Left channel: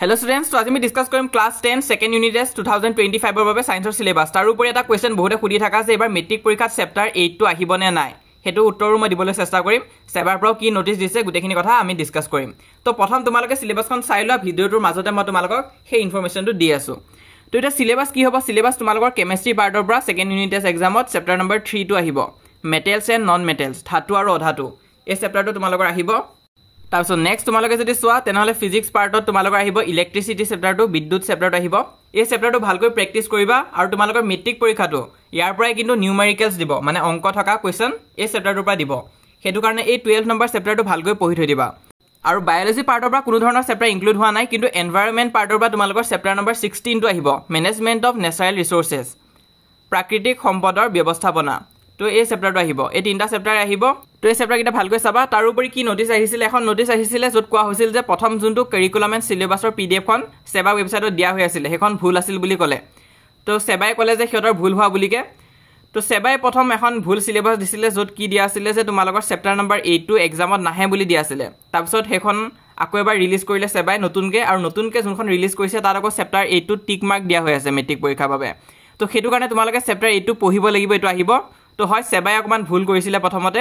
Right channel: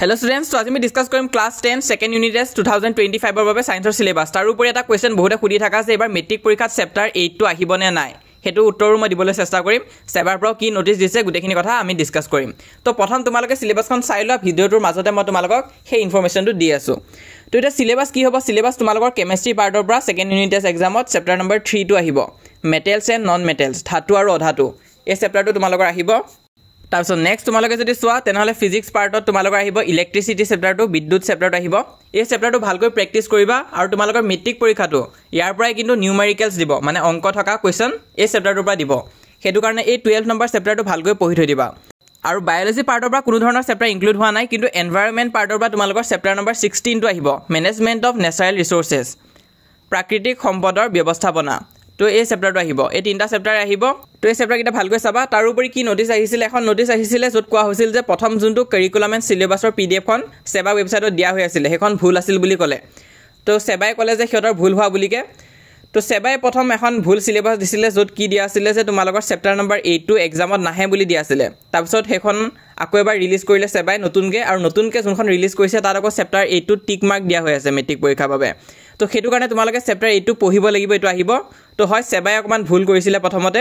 Hello students, so আমি discuss কৰিম class 10 second unit test 2025 ৰ বাবে সায়েন্সৰ সিলেবাস তাৰ উপৰি এটা কোৱেশ্চন বহুতে খুদি থাকা আছে এবাৰ মেট্ৰিক পৰীক্ষাত চেপ্টাৰ 8 টো আহিবনে নাই হেতু উত্তৰও মই দিবলৈ চেষ্টা কৰিম সেবাৰ পৰা কি নোটিস দিছে গুটেখিনি কথা আমি ডিসকাস কৰিম তো প্ৰথম তোমালোকে সিলেবাসখন চাই লোৱা ভিডিওটোৰ মাজতে মই তোমালোকক সেই ইনফৰমেশনটো দি আছো তো এটা সিলেবাস কি হ'ব সিলেবাস তোমালোকৰ কেমিষ্ট্ৰি পাৰ্টৰ পৰা সেকেন্ড ইউনিট টেস্ট এক্সামত চেপ্টাৰ নম্বৰ 3 টো আহিব মেটেলছ এণ্ড নন মেটেলছ ধাতু আৰু অধাতু এই চেপ্টাৰটো তোমালোকৰ আহিব তাৰপিছত নেক্সট তোমালোকে যদি চোৱা তেনেহলে ফিজিক্স পাৰ্টত তোমালোকৰ আহিব ইলেক্ট্ৰিসিটি চেপ্টাৰটো বিদ্যুৎ চেপ্টাৰটো আহিব এই চেপ্টাৰটো ভালকৈ প্ৰেক্টিস কৰিবা আৰু তোমালোকৰ মেট্ৰিক পৰীক্ষাটো ইয়াৰ পৰাই কিন্তু নিউমেৰিকেলছ দিব মানে অংক থকা কোৱেশ্চন এই চেপ্টাৰটোৰ পৰা দিব হেতু কাৰণে এই 12 নম্বৰ চেপ্টাৰটো ভালকৈ পঢ়ি থৈ দিবা আৰু বায়োলজি পাৰ্টৰ পৰা কোনো ধৰণৰ চেপ্টাৰ ইনক্লুড হোৱা নাই কিন্তু এনভায়ৰনমেন্ট পাৰ্টৰ পৰা তোমালোকৰ চেপ্টাৰ নম্বৰ 16 টো আহিব মেনেজমেন্ট অফ নেচাৰেল ৰিসোৰ্সেস প্ৰাকৃতিক সম্পদৰ ব্যৱস্থাপনা তো এই চেপ্টাৰটো আহিব এই তিনটা চেপ্টাৰ আহিব তো এই চেপ্টাৰ কিটা ভালকৈ চাবা তাৰ উপৰি কি নোটিস আহিছিল এখন নোটিস আহিছিল যত কোৱা হৈছিল যে প্ৰথম যোনটো কাৰিকুলাম এণ্ড সিলেবাসৰ পিডিএফ খন সেবা ওয়েবসাইটত দিয়া হৈ আছিল হেখন ভুল আছিল বুলি ক'লে তো সেবাই ক'লে যে হেতৰ ভুল হোৱা বুলিকে তো সেবাই প্ৰথম এখন ভুল সিলেবাস দিছিল যত কি দিয়া আছিল যে তোমালোকৰ চেপ্টাৰ নম্বৰ 8 টো এক্সামত নাহে বুলি দিয়া আছিল তাৰপিছত হেখন আকৌ এবাৰ ৰিলিজ কৰিলে সেবাই নতুনকে আৰু নতুনকে যোনখন ৰিলিজ কৰিছে তাৰ আকৌ চেপ্টাৰ 8 টো টিক মাৰ্ক দিয়া হৈ আছে মেট্ৰিক পৰীক্ষাৰ বাবে তো হেতু কাৰণে তোমালোকে চেপ্টাৰ 8 টো পঢ়িব লাগিব এটো আহিব তো হয় সেবাই অকমান ভুল কৰিছিল প্ৰথমতে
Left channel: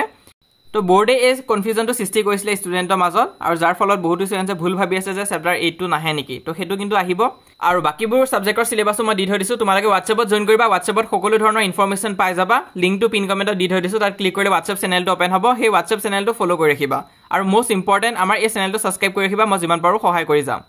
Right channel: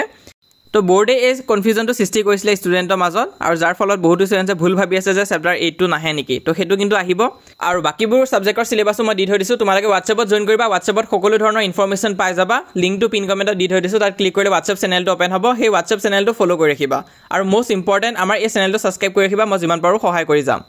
তো বোৰ্ডে এই কনফিউজনটো সৃষ্টি কৰিছিল ষ্টুডেন্টৰ মাজত আৰু যাৰ ফলত বহুত ষ্টুডেন্টে ভুল ভাবি আছে যে চেপ্টাৰ 8 টো নাহে নেকি তো হেতু কিন্তু আহিব আৰু বাকিবোৰ সাবজেক্টৰ সিলেবাসও মই দি থৈ দিছো তোমালোকে WhatsAppত জয়েন কৰিবা WhatsAppত সকলো ধৰণৰ ইনফৰমেশন পাই যাবা লিংকটো পিন কমেন্টত দি থৈ দিছো তাত ক্লিক কৰিলে WhatsApp চেনেলটো ওপেন হ'ব সেই WhatsApp চেনেলটো ফলো কৰি ৰাখিবা আৰু মোস্ট ইম্পৰ্টেন্ট আমাৰ এই চেনেলটো সাবস্ক্ৰাইব কৰি ৰাখিবা মই যিমান পাৰো সহায় কৰি যাম